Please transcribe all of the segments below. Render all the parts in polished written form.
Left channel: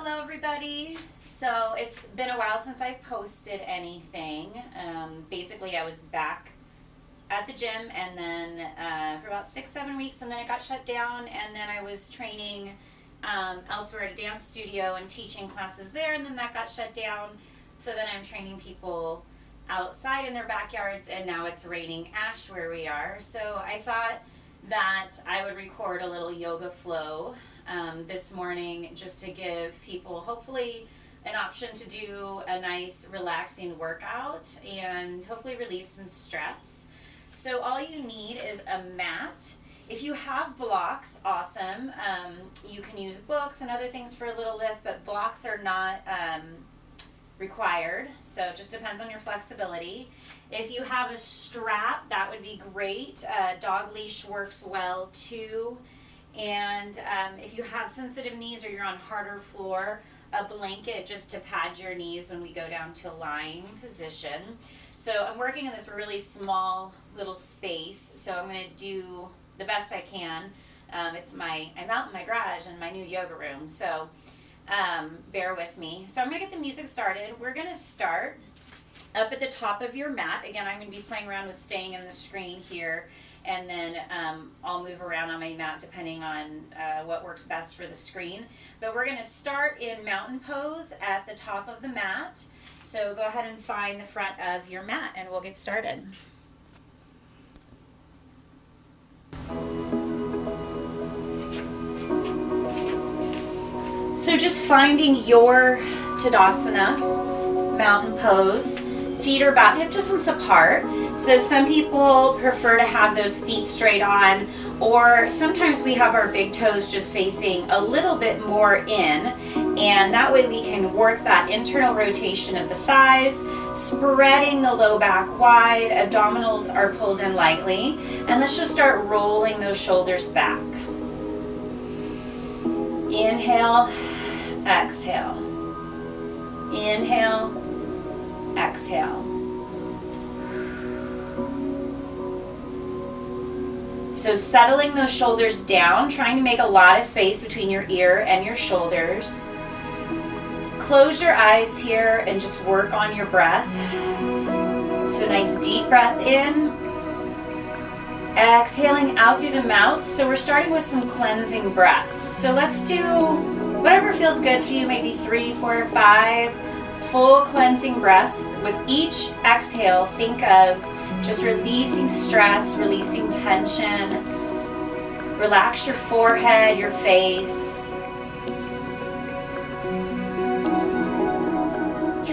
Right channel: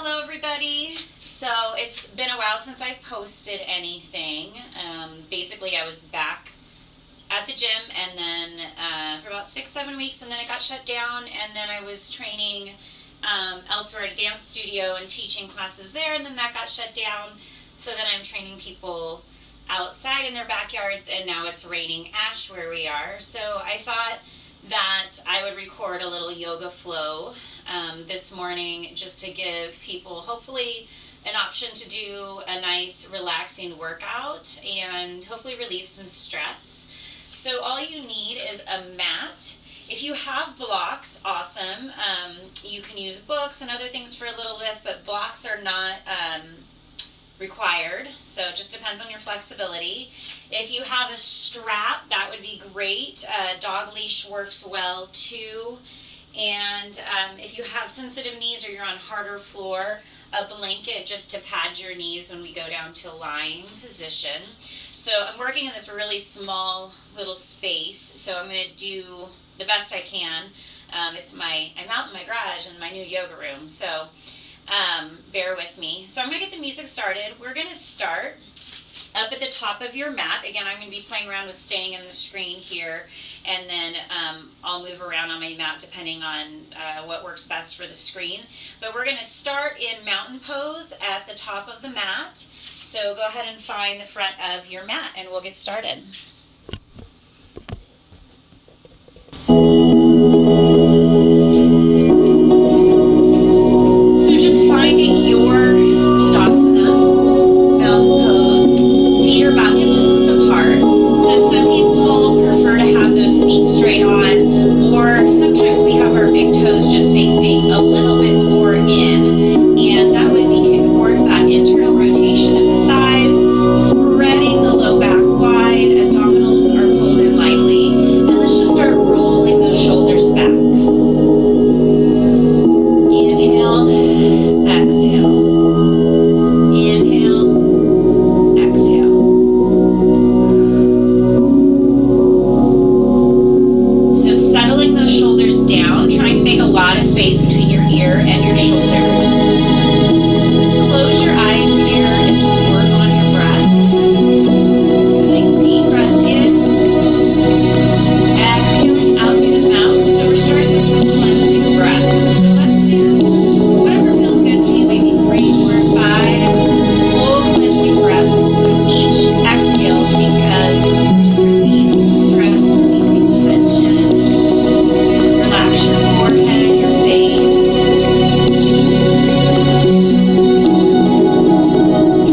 Hello everybody. So it's been a while since I posted anything. Basically I was back at the gym and then for about 6-7 weeks, and then it got shut down, and then I was training elsewhere at a dance studio and teaching classes there, and then that got shut down. So then I'm training people outside in their backyards, and now it's raining ash where we are. So I thought that I would record a little yoga flow this morning, just to give people hopefully an option to do a nice relaxing workout and hopefully relieve some stress. So all you need is a mat. If you have blocks, awesome. You can use books and other things for a little lift, but blocks are not required, so it just depends on your flexibility. If you have a strap, that would be great. Dog leash works well too. And if you have sensitive knees or you're on harder floor, a blanket just to pad your knees when we go down to lying position. So I'm working in this really small little space, so I'm going to do the best I can. I'm out in my garage in my new yoga room, so bear with me. So I'm going to get the music started. We're going to start up at the top of your mat. Again, I'm going to be playing around with staying in the screen here, and then I'll move around on my mat depending on what works best for the screen. But we're going to start in mountain pose at the top of the mat. So go ahead and find the front of your mat and we'll get started. So just finding your Tadasana, mountain pose. Feet are about hip distance apart. So some people prefer to have those feet straight on, or sometimes we have our big toes just facing a little bit more in, and that way we can work that internal rotation of the thighs, spreading the low back wide, abdominals are pulled in lightly, and let's just start rolling those shoulders back. Inhale, exhale. Inhale, exhale. So settling those shoulders down, trying to make a lot of space between your ear and your shoulders. Close your eyes here and just work on your breath. So nice deep breath in. Exhaling out through the mouth. So we're starting with some cleansing breaths. So let's do whatever feels good for you, maybe 3, 4, or 5 full cleansing breaths. With each exhale, think of just releasing stress, releasing tension. Relax your forehead, your face.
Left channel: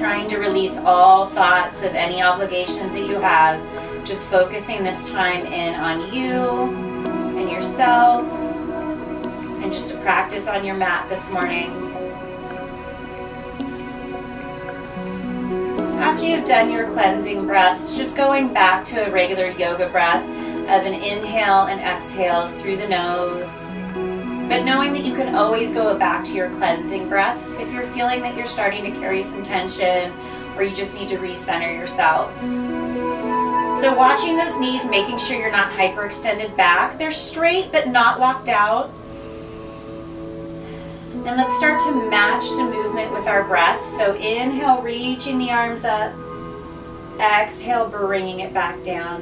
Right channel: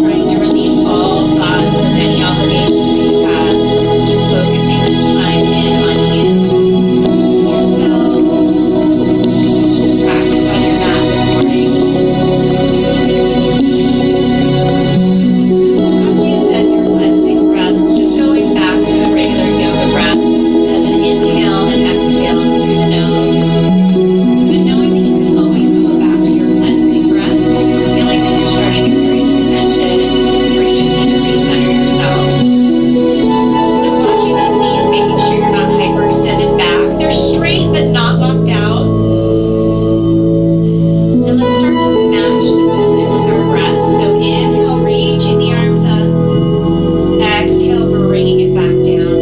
Trying to release all thoughts of any obligations that you had. Just focusing this time in on you and yourself. And just a practice on your mat this morning. After you've done your cleansing breaths, just going back to a regular yoga breath of an inhale and exhale through the nose. And knowing that you can always go back to your cleansing breaths if you're feeling that you're starting to carry some tension, or you just need to recenter yourself. So watching those knees, making sure you're not hyperextended back. They're straight but not locked out. And let's start to match some movement with our breath. So inhale, reaching the arms up. Exhale, bringing it back down.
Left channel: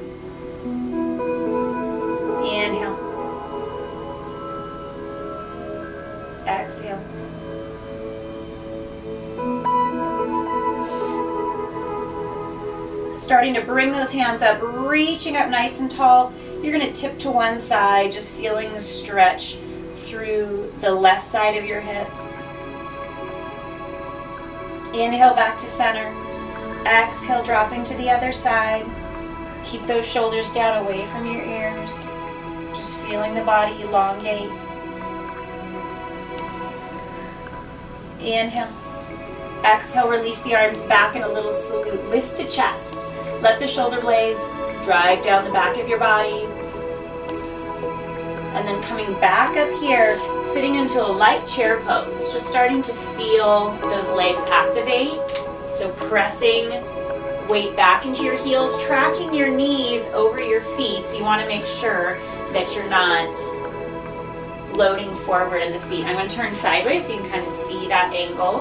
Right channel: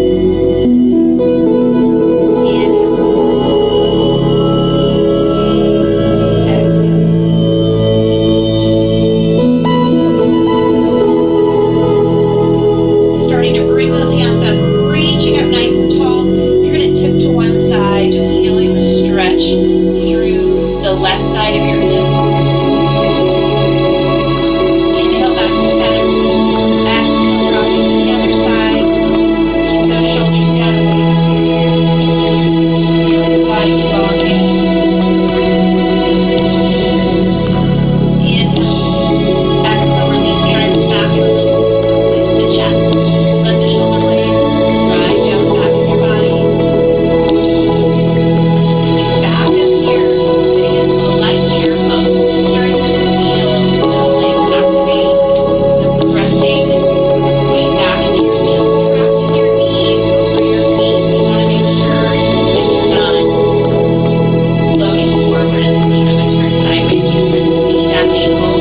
Inhale. Exhale. Starting to bring those hands up, reaching up nice and tall. You're going to tip to one side, just feeling the stretch through the left side of your hips. Inhale back to center. Exhale, dropping to the other side. Keep those shoulders down away from your ears. Just feeling the body elongate. Inhale. Exhale, release the arms back and a little lift the chest. Let the shoulder blades drive down the back of your body. And then coming back up here, sitting into a light chair pose. Just starting to feel those legs activate. So pressing weight back into your heels, tracking your knees over your feet. So you want to make sure that you're not loading forward in the feet. I'm going to turn sideways so you can see that that ankle.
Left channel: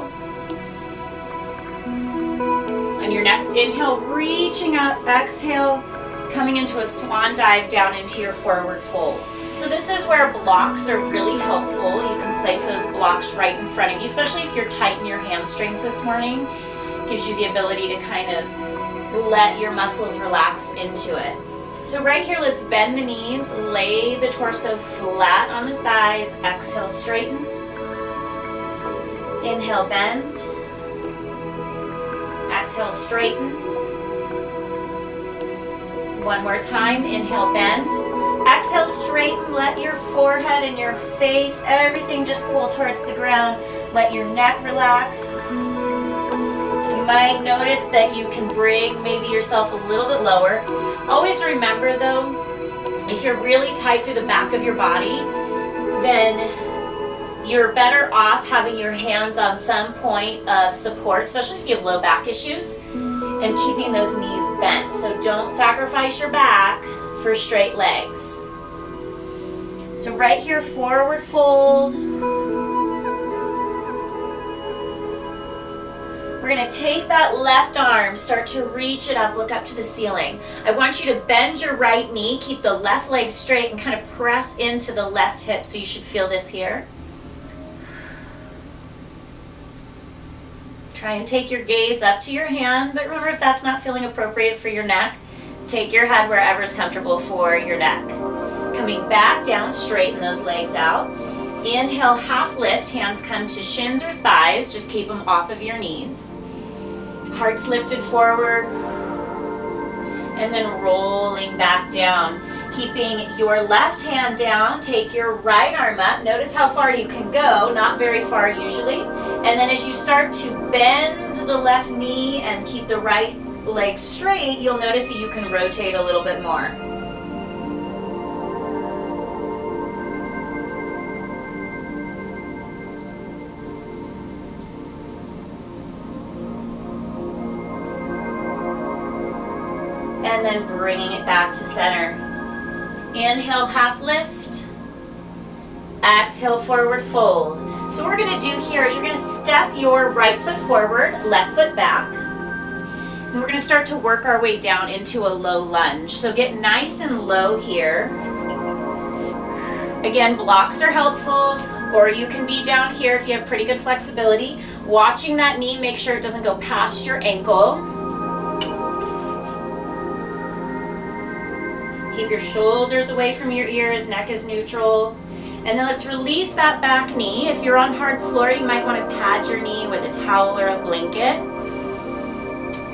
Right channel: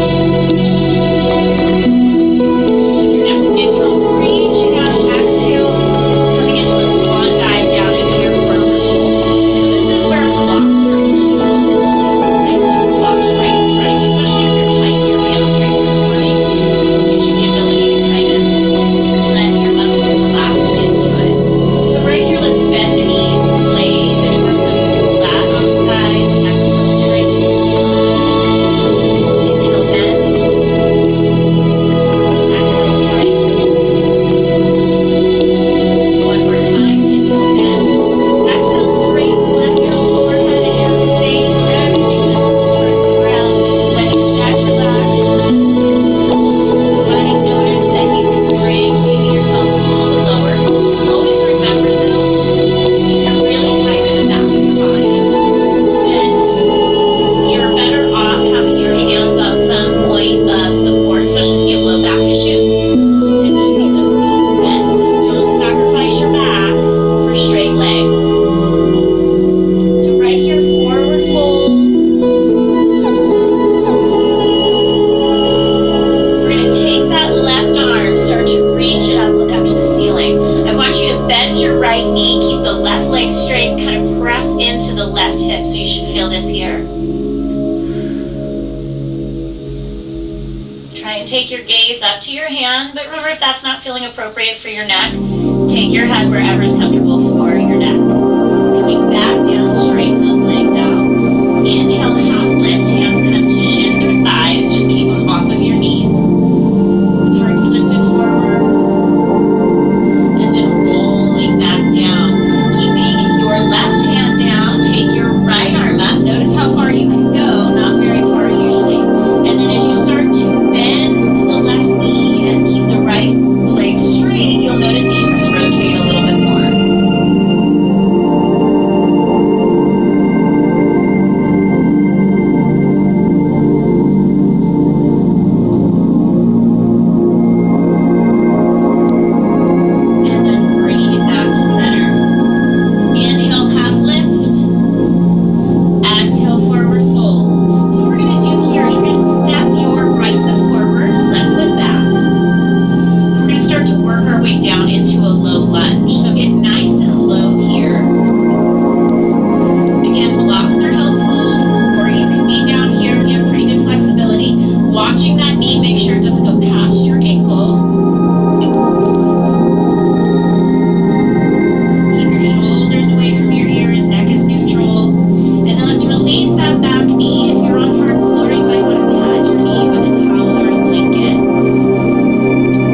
On your next inhale, reaching out, exhale, coming into a swan dive down into your forward fold. So this is where blocks are really helpful. You can place those blocks right in front of you, especially if you're tight in your hamstrings this morning. It gives you the ability to kind of let your muscles relax into it. So right here, let's bend the knees, lay the torso flat on the thighs, exhale, straighten. Inhale, bend. Exhale, straighten. One more time, inhale, bend. Exhale, straighten. Let your forehead and your face, everything just pull towards the ground. Let your neck relax. You might notice that you can bring maybe yourself a little bit lower. Always remember though, if you're really tight to the back of your body, then you're better off having your hands on some point of support, especially if you have low back issues, and keeping those knees bent. So don't sacrifice your back for straight legs. So right here, forward fold. We're going to take that left arm, start to reach it up, look up to the ceiling. I want you to bend your right knee, keep the left leg straight, and kind of press into the left hip. So you should feel this here. Try and take your gaze up to your hand, but remember, if that's not feeling appropriate for your neck, take your head wherever's comfortable for your neck. Coming back down, straighten those legs out. Inhale, half lift, hands come to shins or thighs, just keep them off of your knees. Heart's lifted forward, and then rolling back down. Keeping your left hand down, take your right arm up. Notice how far you can go, not very far usually. And then as you start to bend the left knee and keep the right leg straight, you'll notice that you can rotate a little bit more. And then bringing it back to center. Inhale, half lift. Exhale, forward fold. So what we're going to do here is you're going to step your right foot forward, left foot back. And we're going to start to work our way down into a low lunge. So get nice and low here. Again, blocks are helpful, or you can be down here if you have pretty good flexibility. Watching that knee, make sure it doesn't go past your ankle. Keep your shoulders away from your ears, neck is neutral. And then let's release that back knee. If you're on hard floor, you might want to pad your knee with a towel or a blanket.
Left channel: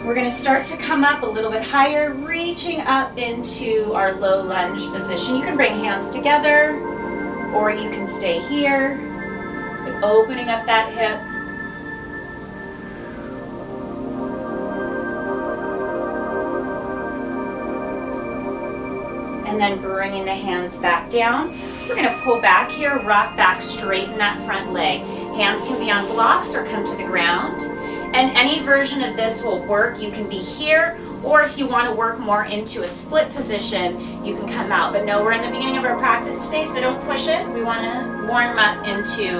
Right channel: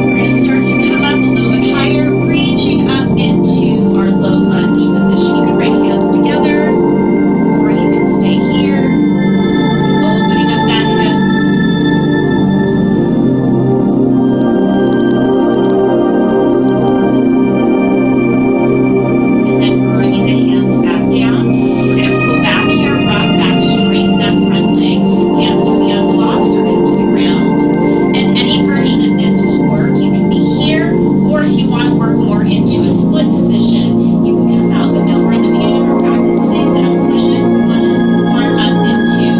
We're going to start to come up a little bit higher, reaching up into our low lunge position. You can bring hands together, or you can stay here, opening up that hip. And then bringing the hands back down. We're going to pull back here, rock back, straighten that front leg. Hands can be on blocks or come to the ground. And any version of this will work. You can be here, or if you want to work more into a split position, you can come out. But no, we're in the beginning of our practice today, so don't push it. We want to warm up into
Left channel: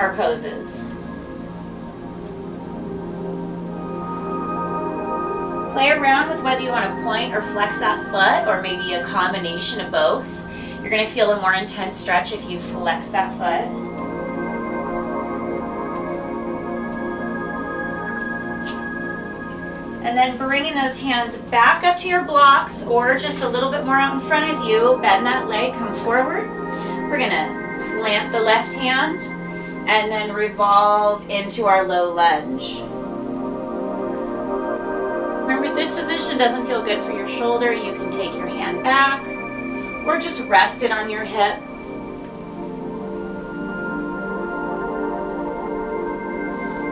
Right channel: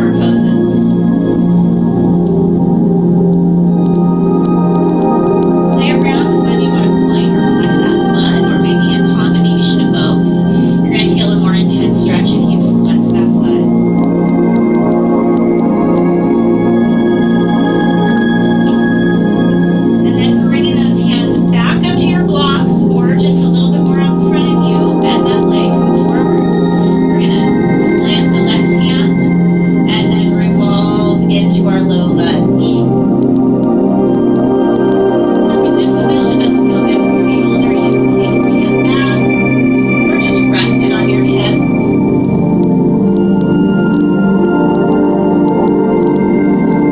our poses. Play around with whether you want to point or flex that foot, or maybe a combination of both. You're going to feel a more intense stretch if you flex that foot. And then bringing those hands back up to your blocks, or just a little bit more out in front of you. Bend that leg, come forward. We're going to plant the left hand and then revolve into our low lunge. Remember, if this position doesn't feel good for your shoulder, you can take your hand back or just rest it on your hip.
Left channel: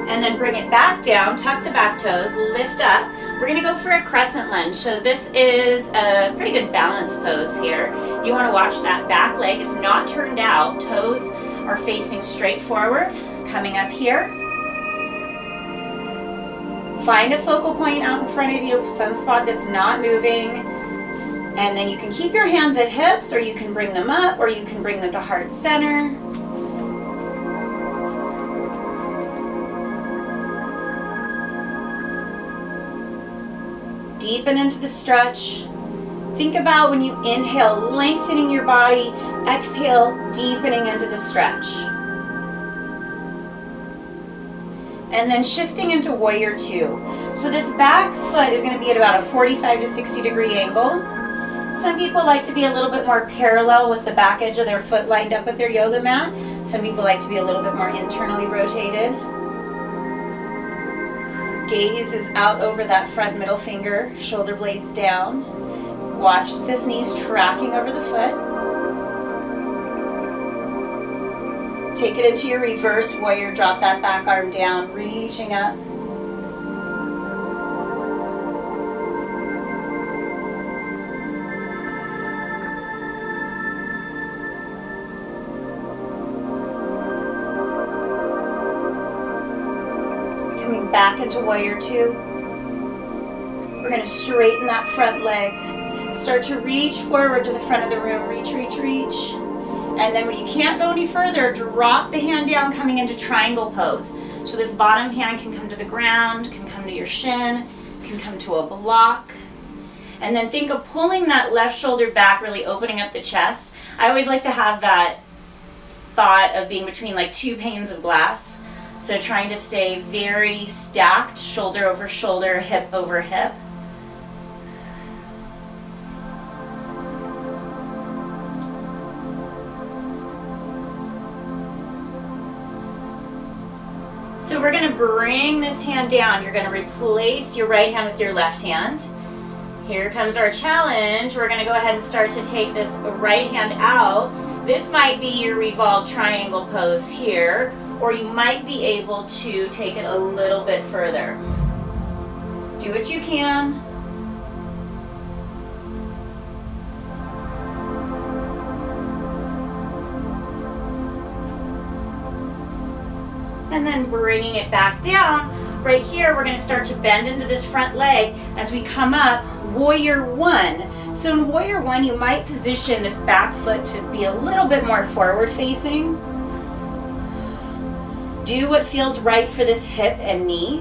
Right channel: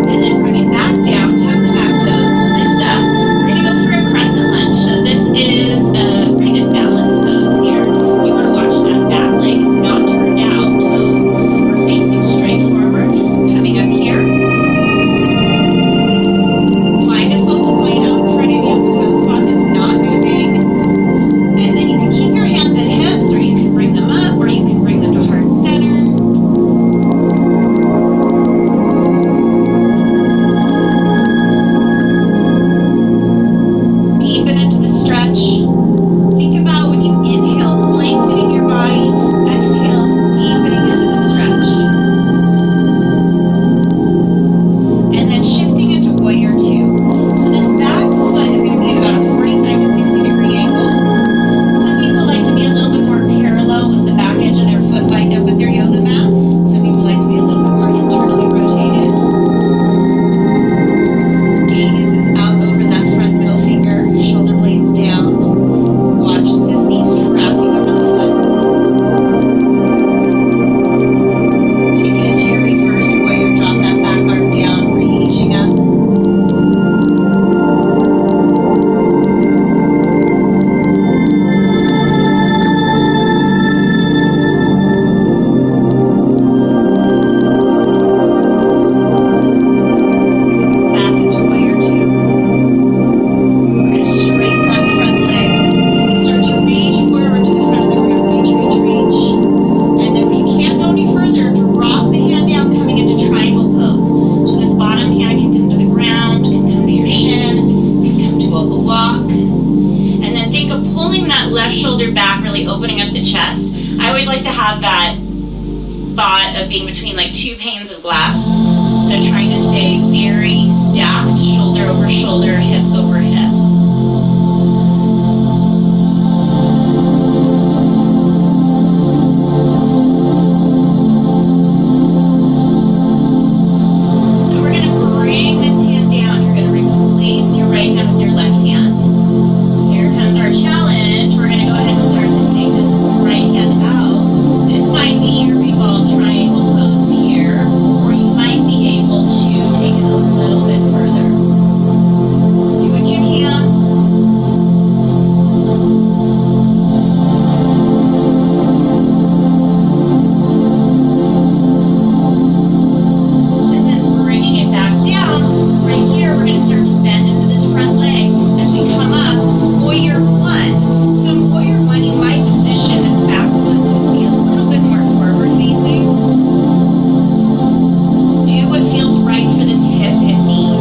And then bring it back down, tuck the back toes, lift up. We're going to go for a crescent lunge. So this is a pretty good balance pose here. You want to watch that back leg. It's not turned out. Toes are facing straight forward. Coming up here. stretch. Think about when you inhale, lengthening your body, exhale, deepening into the stretch. And then shifting into warrior two. So this back foot is going to be at about a 45 to 60 degree angle. Some people like to be a little bit more parallel with the back edge of their foot lined up with their yoga mat. Some people like to be a little bit more internally rotated. Gaze is out over that front middle finger, shoulder blades down. Watch the knees tracking over the foot. Take it into your reverse warrior, drop that back arm down, reaching up. Shoulder back, really opening up the chest. I always like to have that thought of being between like two panes of glass. So trying to stay very stacked, shoulder over shoulder, hip over hip. So we're going to bring this hand down. You're going to replace your right hand with your left hand. Here comes our challenge. We're going to go ahead and start to take this right hand out. This might be your revolved triangle pose here, or you might be able to take it a little bit further. Do what you can. And then bringing it back down. Right here, we're going to start to bend into this front leg as we come up. Warrior one. So in warrior one, you might position this back foot to be a little bit more forward facing. Do what feels right for this hip and knee.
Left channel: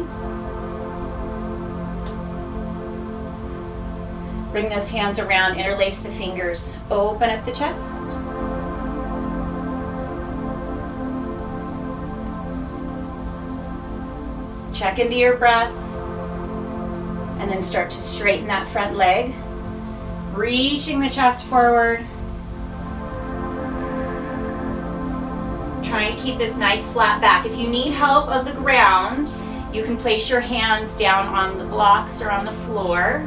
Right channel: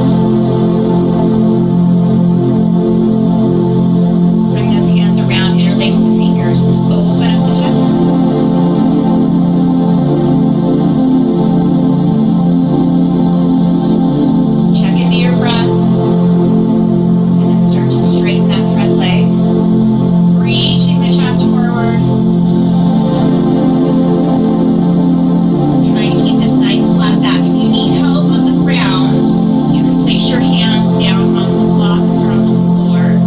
Bring those hands around, interlace the fingers, open up the chest. Check into your breath. Start to straighten that front leg, reaching the chest forward, trying to keep this nice flat back. If you need help of the ground, you can place your hands down on the blocks or on the floor.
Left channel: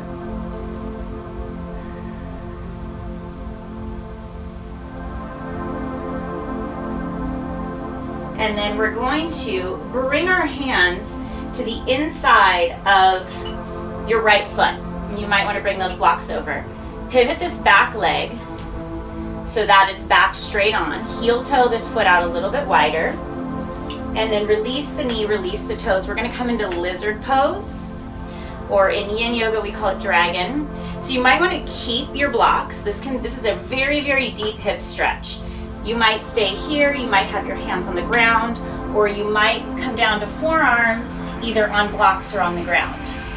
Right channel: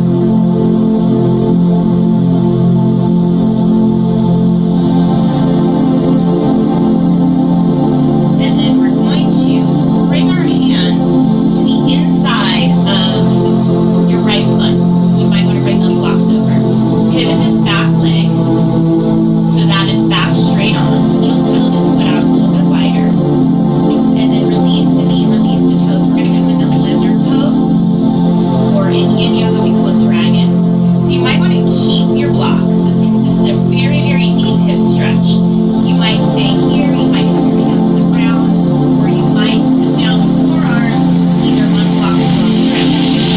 And then we're going to bring our hands to the inside of your right foot. You might want to bring those blocks over. Pivot this back leg so that it's back straight on. Heel toe this foot out a little bit wider. And then release the knee, release the toes. We're going to come into lizard pose, or in yin yoga we call it dragon. So you might want to keep your blocks. This is a very, very deep hip stretch. You might stay here, you might have your hands on the ground, or you might come down to forearms, either on blocks or on the ground.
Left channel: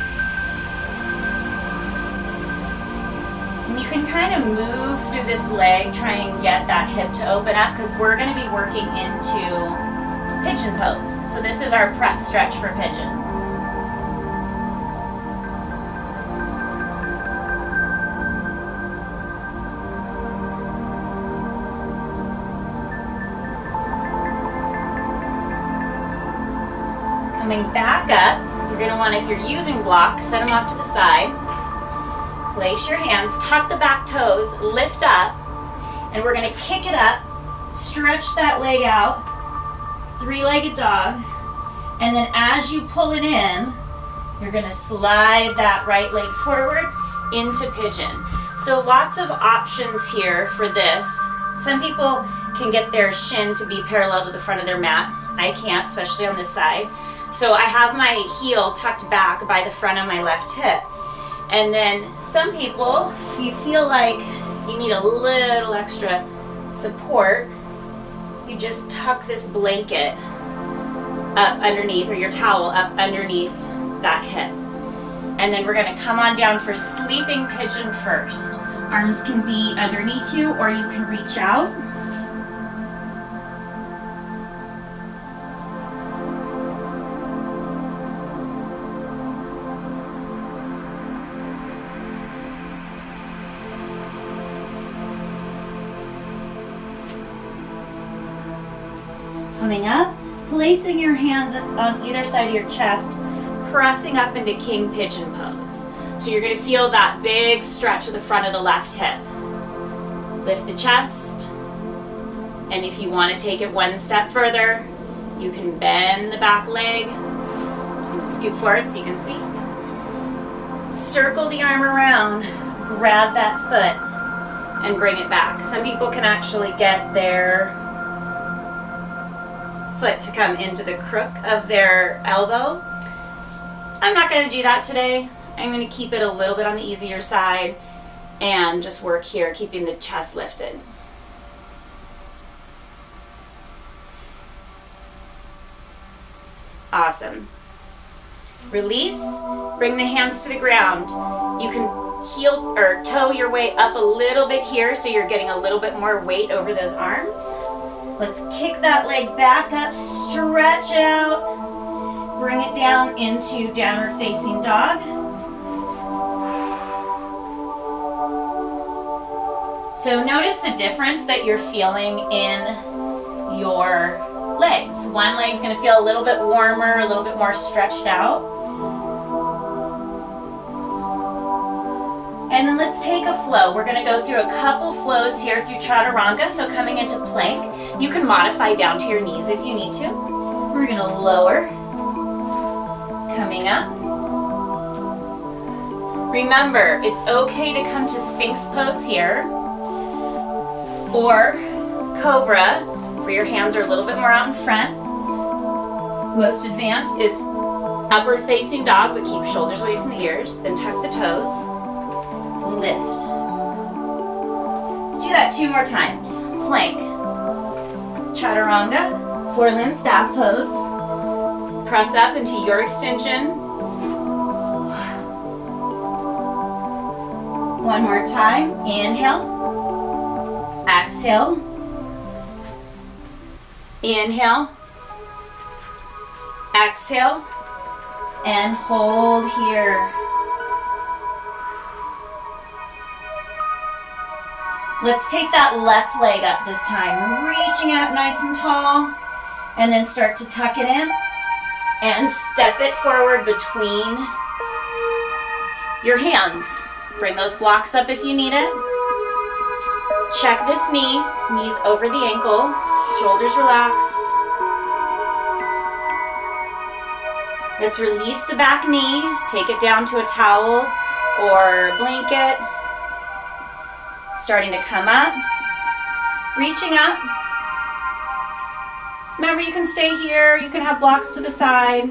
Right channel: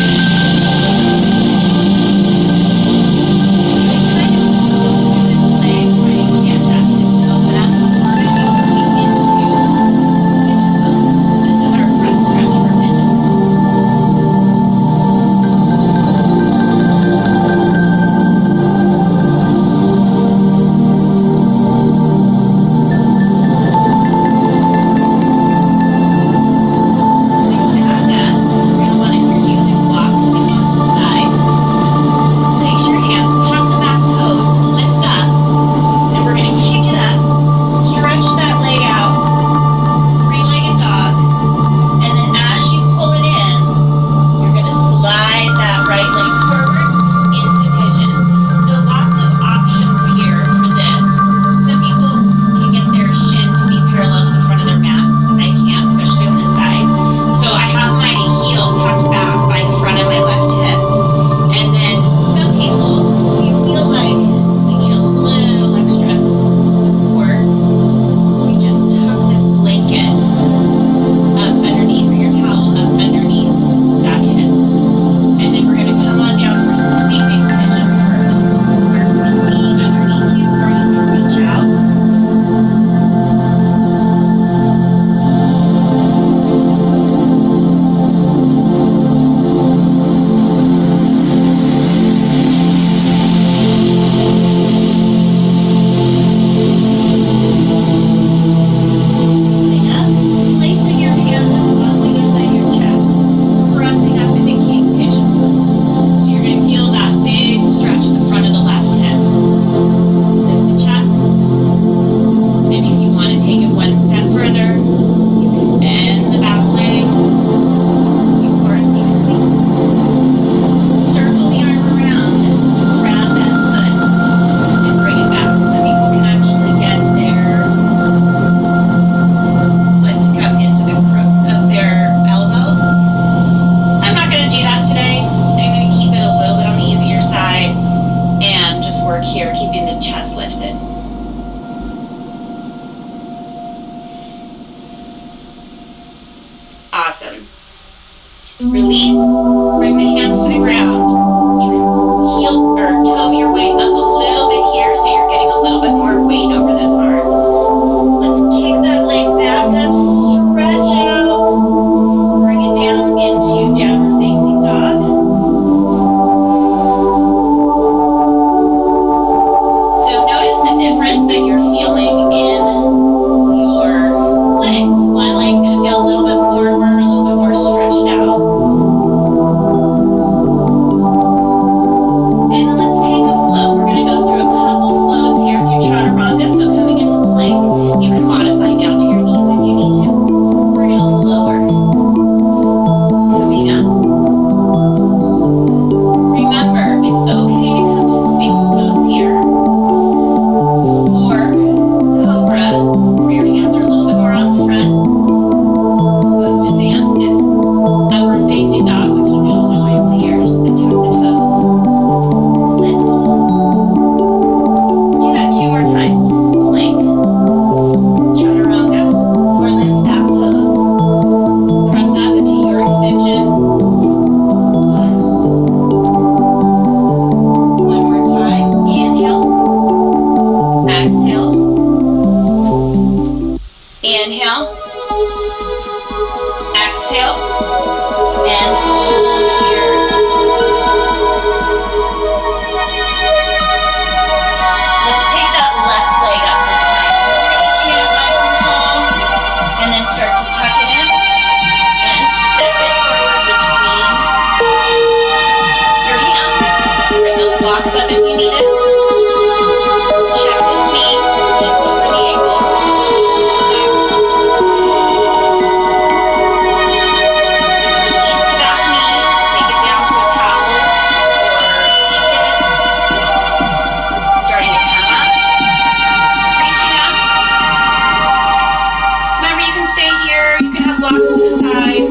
Trying to get that hip to open up, because we're going to be working into pigeon pose. So this is our prep stretch for pigeon. Coming back up, you're going to want, if you're using blocks, set them off to the side. Place your hands, tuck the back toes, lift up. We're going to kick it up, stretch that leg out, three-legged dog, and then as you pull it in, you're going to slide that right leg forward into pigeon. So lots of options here for this. Some people can get their shin to be parallel to the front of their mat. I can't, especially on this side. So I have my heel tucked back by the front of my left hip. And then some people, if you feel like you need a little extra support, you just tuck this blanket up underneath, or your towel up underneath that hip. And then we're going to come on down for sleeping pigeon. stretch the front of the left hip. Lift the chest. And if you want to take it one step further, you can bend the back leg. Scoot forward so you can see. Circle the arm around. Grab that foot and bring it back. Some people can actually get their foot to come into the crook of their elbow. I'm not going to do that today. I'm going to keep it a little bit on the easier side and just work here, keeping the chest lifted. Awesome. Release, bring the hands to the ground. You can heel or toe your way up a little bit here so you're getting a little bit more weight over those arms. Let's kick that leg back up, stretch out, bring it down into downward facing dog. So notice the difference that you're feeling in your legs. One leg's going to feel a little bit warmer, a little bit more stretched out. And then let's take a flow. We're going to go through a couple flows here through chaturanga. So coming into plank, you can modify down to your knees if you need to. We're going to lower, coming up. Remember, it's okay to come to Sphinx pose here, or Cobra, where your hands are a little bit more out in front. Most advanced is upward facing dog, but keep shoulders away from the ears, then tuck the toes, lift. Let's do that 2 more times. Plank, chaturanga, 4-limb staff pose. Press up into your extension. One more time. Inhale. Exhale. Inhale. Exhale. And hold here. Let's take that left leg up this time. Reaching it up nice and tall. And then start to tuck it in. And step it forward between your hands. Bring those blocks up if you need it. Check this knee, knees over the ankle, shoulders relaxed. Let's release the back knee, take it down to a towel or blanket. Starting to come up, reaching up. Remember, you can stay here, you can have blocks to the side.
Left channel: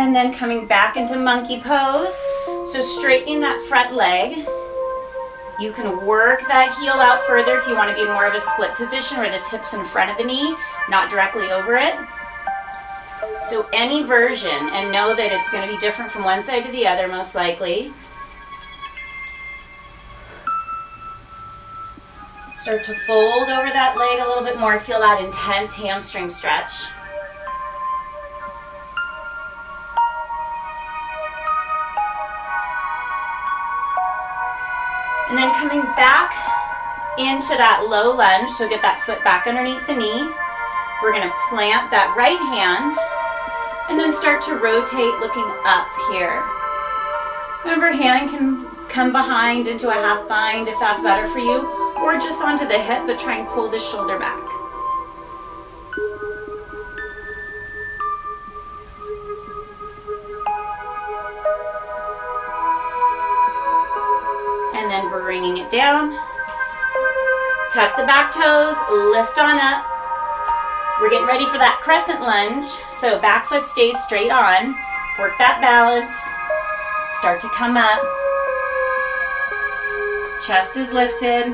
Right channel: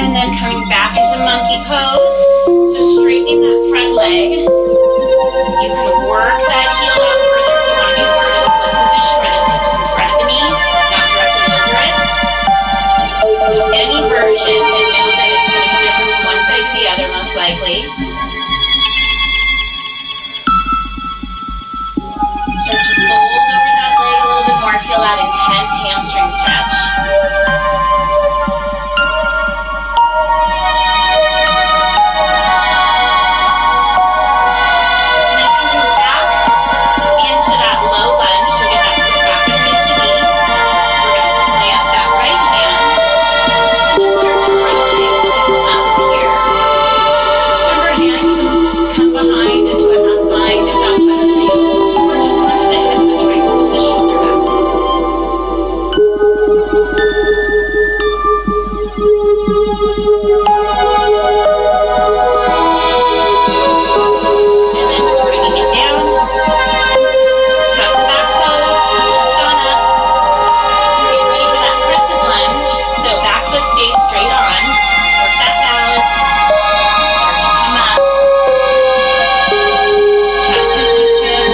And then coming back into monkey pose. So straightening that front leg. You can work that heel out further if you want to be more of a split position where this hip's in front of the knee, not directly over it. So any version, and know that it's going to be different from one side to the other most likely. Start to fold over that leg a little bit more. Feel that intense hamstring stretch. Into that low lunge, so get that foot back underneath the knee. We're going to plant that right hand and then start to rotate looking up here. Remember, hand can come behind into a half bind if that's better for you, or just onto the hip, but try and pull the shoulder back. And then bringing it down. Tuck the back toes, lift on up. We're getting ready for that crescent lunge. So back foot stays straight on. Work that balance. Start to come up. Chest is lifted.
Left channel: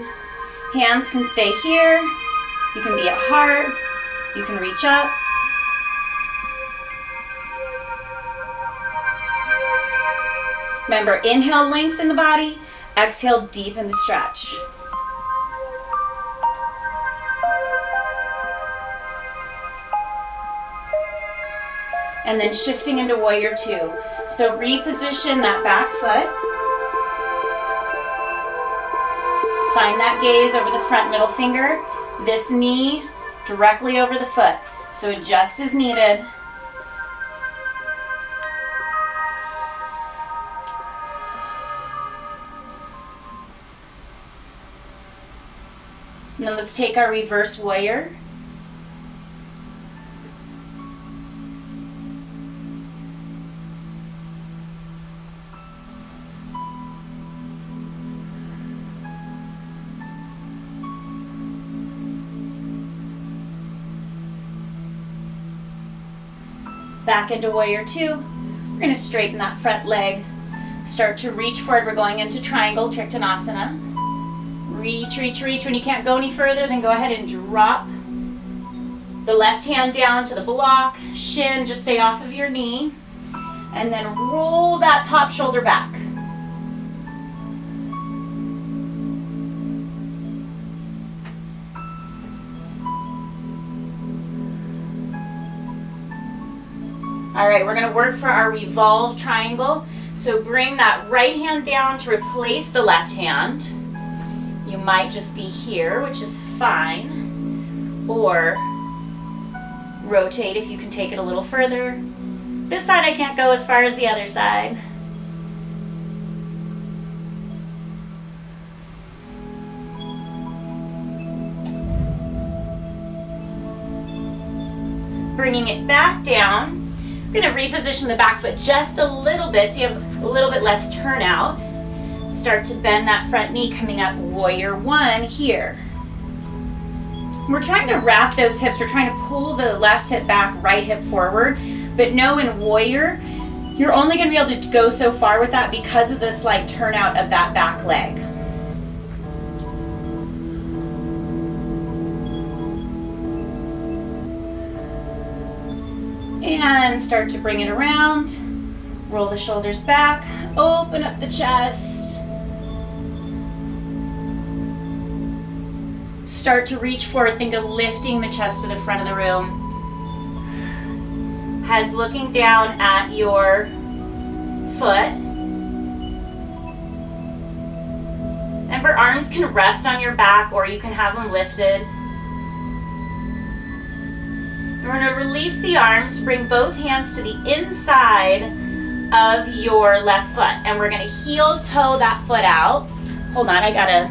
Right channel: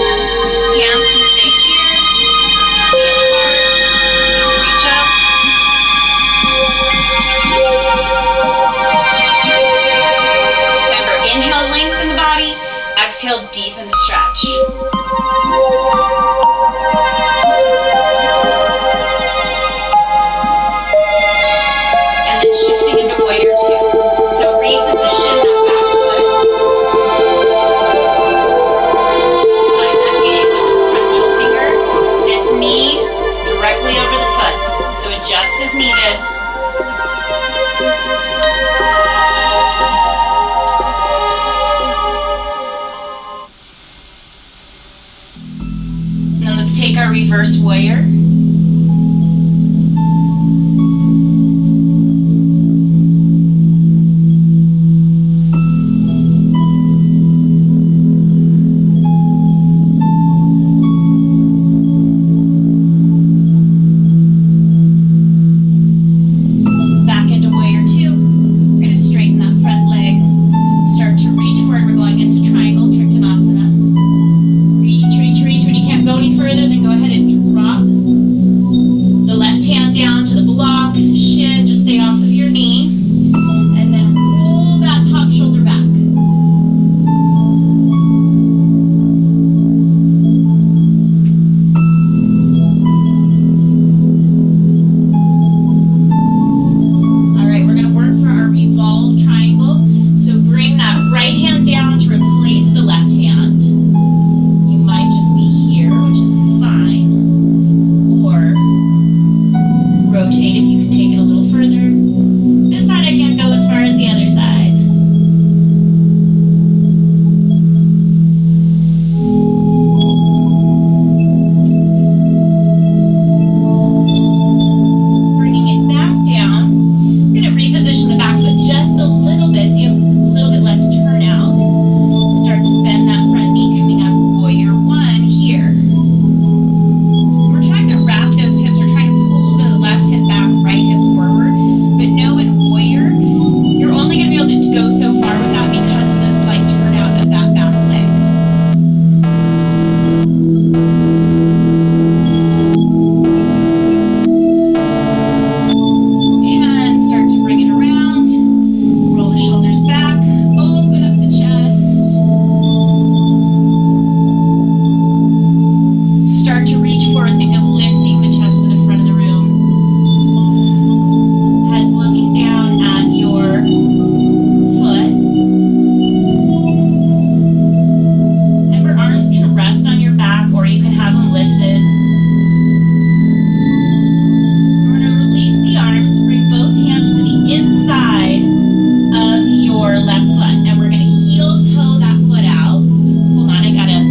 Hands can stay here. You can be at heart. You can reach up. Remember, inhale, lengthen the body. Exhale, deepen the stretch. And then shifting into warrior 2. So reposition that back foot. Find that gaze over the front middle finger. This knee directly over the foot. So adjust as needed. And then let's take our reverse warrior. Into warrior two. We're going to straighten that front leg. Start to reach forward. We're going into triangle, Triktanasana. Reach, reach, reach. When you can't go any further, then go ahead and drop the left hand down to the block. Shin, just stay off of your knee. And then roll that top shoulder back. Work for our revolve triangle. So bring that right hand down to replace the left hand. You might just be here, which is fine. Or rotate if you can take it a little further. This side I can't go as far as the other side. Bringing it back down. We're going to reposition the back foot just a little bit so you have a little bit less turnout. Start to bend that front knee coming up, warrior one here. We're trying to wrap those hips. We're trying to pull the left hip back, right hip forward. But no, in warrior, you're only going to be able to go so far with that because of the slight turnout of that back leg. Start to bring it around, roll the shoulders back, open up the chest. Start to reach forward, think of lifting the chest to the front of the room. Head's looking down at your foot. Remember, arms can rest on your back or you can have them lifted. Release the arms, bring both hands to the inside of your left foot. And we're going to heel toe that foot out. Hold on, I got to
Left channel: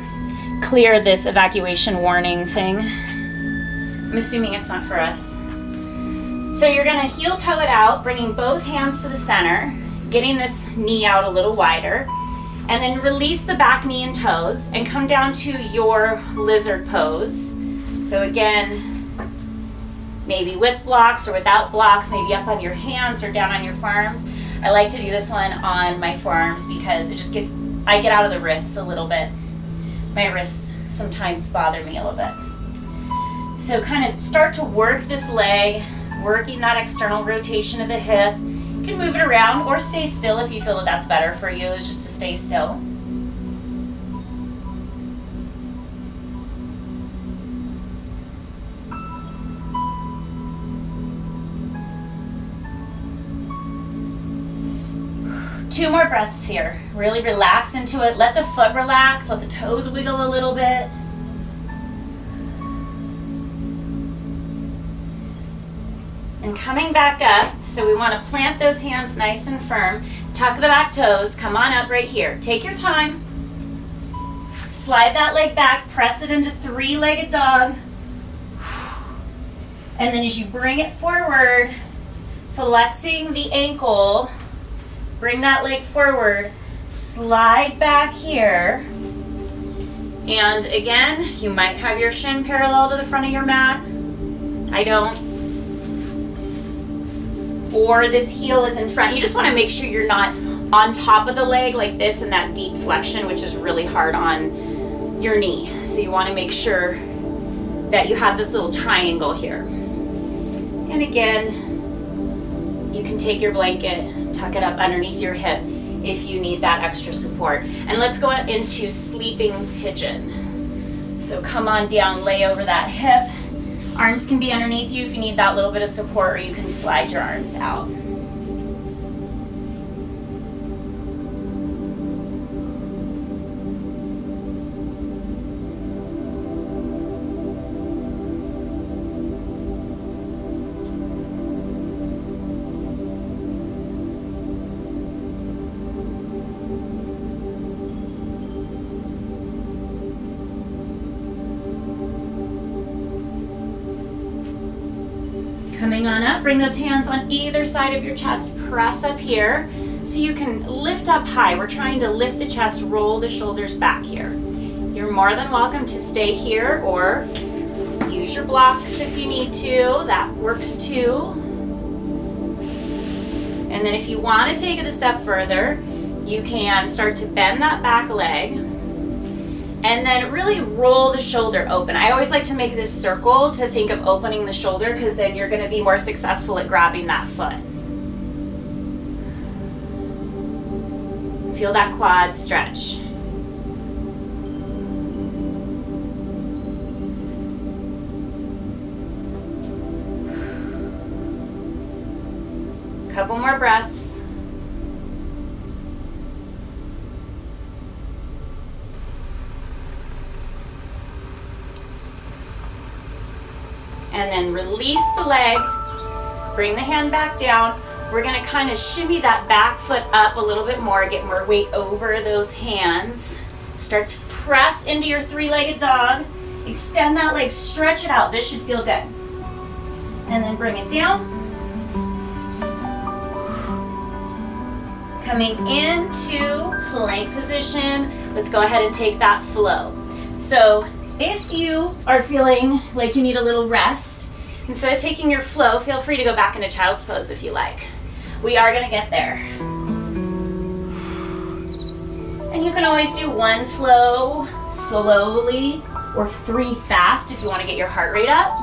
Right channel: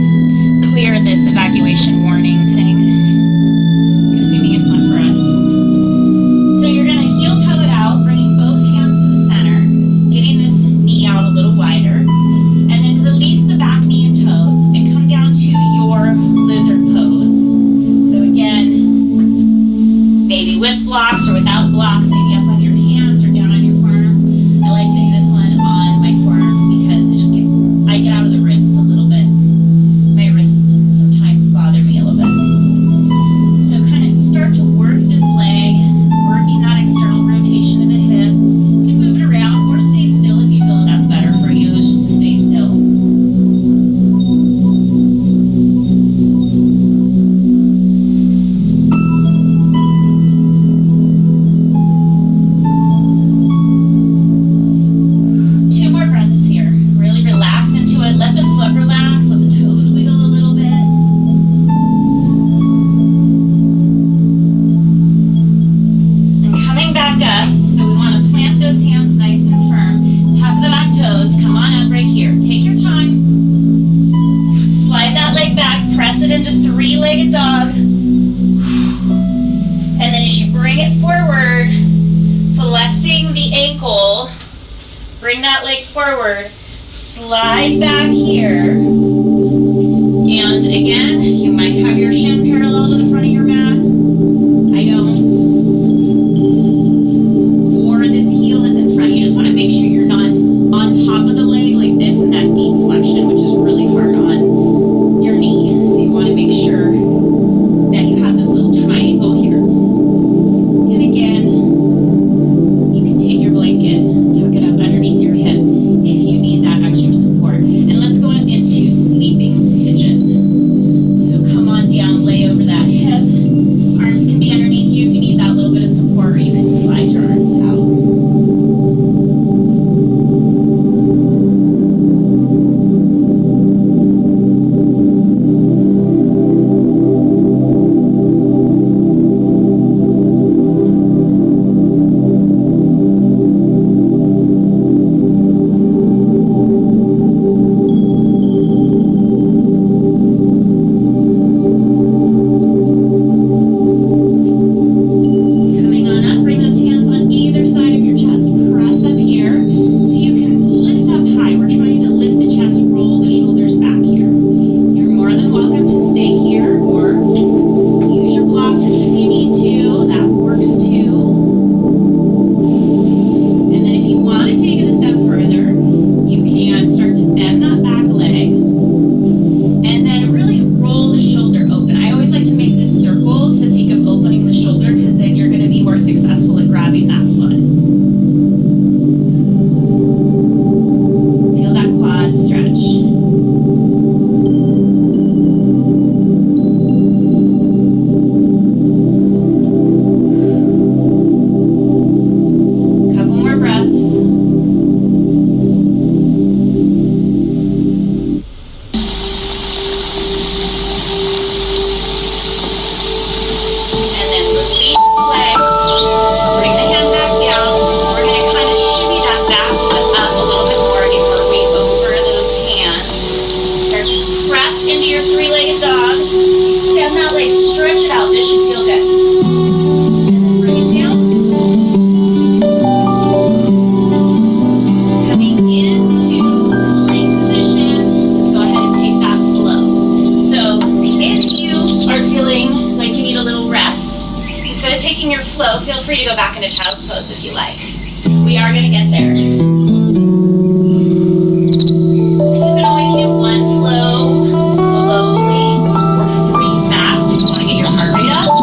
clear this evacuation warning thing. I'm assuming it's not for us. So you're going to heel toe it out, bringing both hands to the center, getting this knee out a little wider. And then release the back knee and toes and come down to your lizard pose. So again, maybe with blocks or without blocks, maybe up on your hands or down on your forearms. I like to do this one on my forearms because it just I get out of the wrists a little bit. My wrists sometimes bother me a little bit. So kind of start to work this leg, working that external rotation of the hip. You can move it around or stay still if you feel that that's better for you, is just to stay still. Really relax into it. Let the foot relax. Let the toes wiggle a little bit. And coming back up, so we want to plant those hands nice and firm. Tuck the back toes. Come on up right here. Take your time. Slide that leg back. Press it into three-legged dog. And then as you bring it forward, flexing the ankle, bring that leg forward. Slide back here, and again, you might have your shin parallel to the front of your mat. I don't. Or this heel is in front. You just want to make sure you're not on top of the leg like this in that deep flexion, which is really hard on your knee. So you want to make sure that you have this little triangle here. And again, you can take your blanket, tuck it up underneath your hip if you need that extra support. And let's go into sleeping pigeon. So come on down, lay over that hip. Arms can be underneath you if you need that little bit of support, or you can slide your arms out. high. We're trying to lift the chest, roll the shoulders back here. You're more than welcome to stay here or use your blocks if you need to. That works too. And then if you want to take it a step further, you can start to bend that back leg and then really roll the shoulder open. I always like to make this circle to think of opening the shoulder because then you're going to be more successful at grabbing that foot. Feel that quad stretch. Couple more breaths. And then release the leg. Bring the hand back down. We're going to kind of shimmy that back foot up a little bit more, get more weight over those hands. Start to press into your three-legged dog. Extend that leg, stretch it out. This should feel good. And then bring it down. Coming into plank position. Let's go ahead and take that flow. So if you are feeling like you need a little rest, instead of taking your flow, feel free to go back into child's pose if you like. We are going to get there. And you can always do one flow slowly or three fast if you want to get your heart rate up.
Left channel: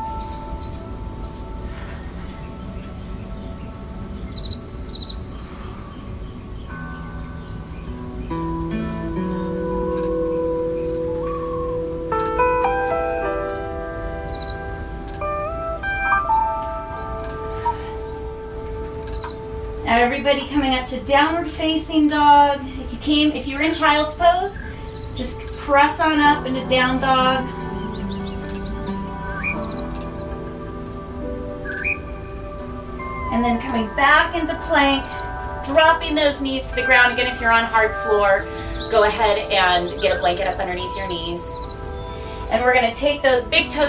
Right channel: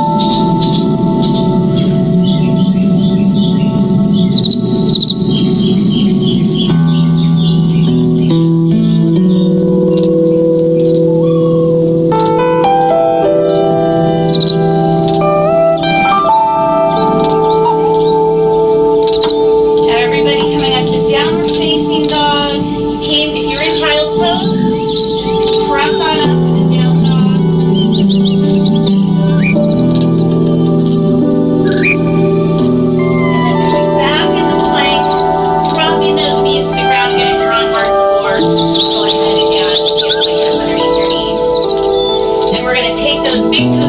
Downward facing dog. If you're in child's pose, just press on up into down dog. And then coming back into plank, dropping those knees to the ground. Again, if you're on hard floor, go ahead and get a blanket up underneath your knees. And we're going to take those big toes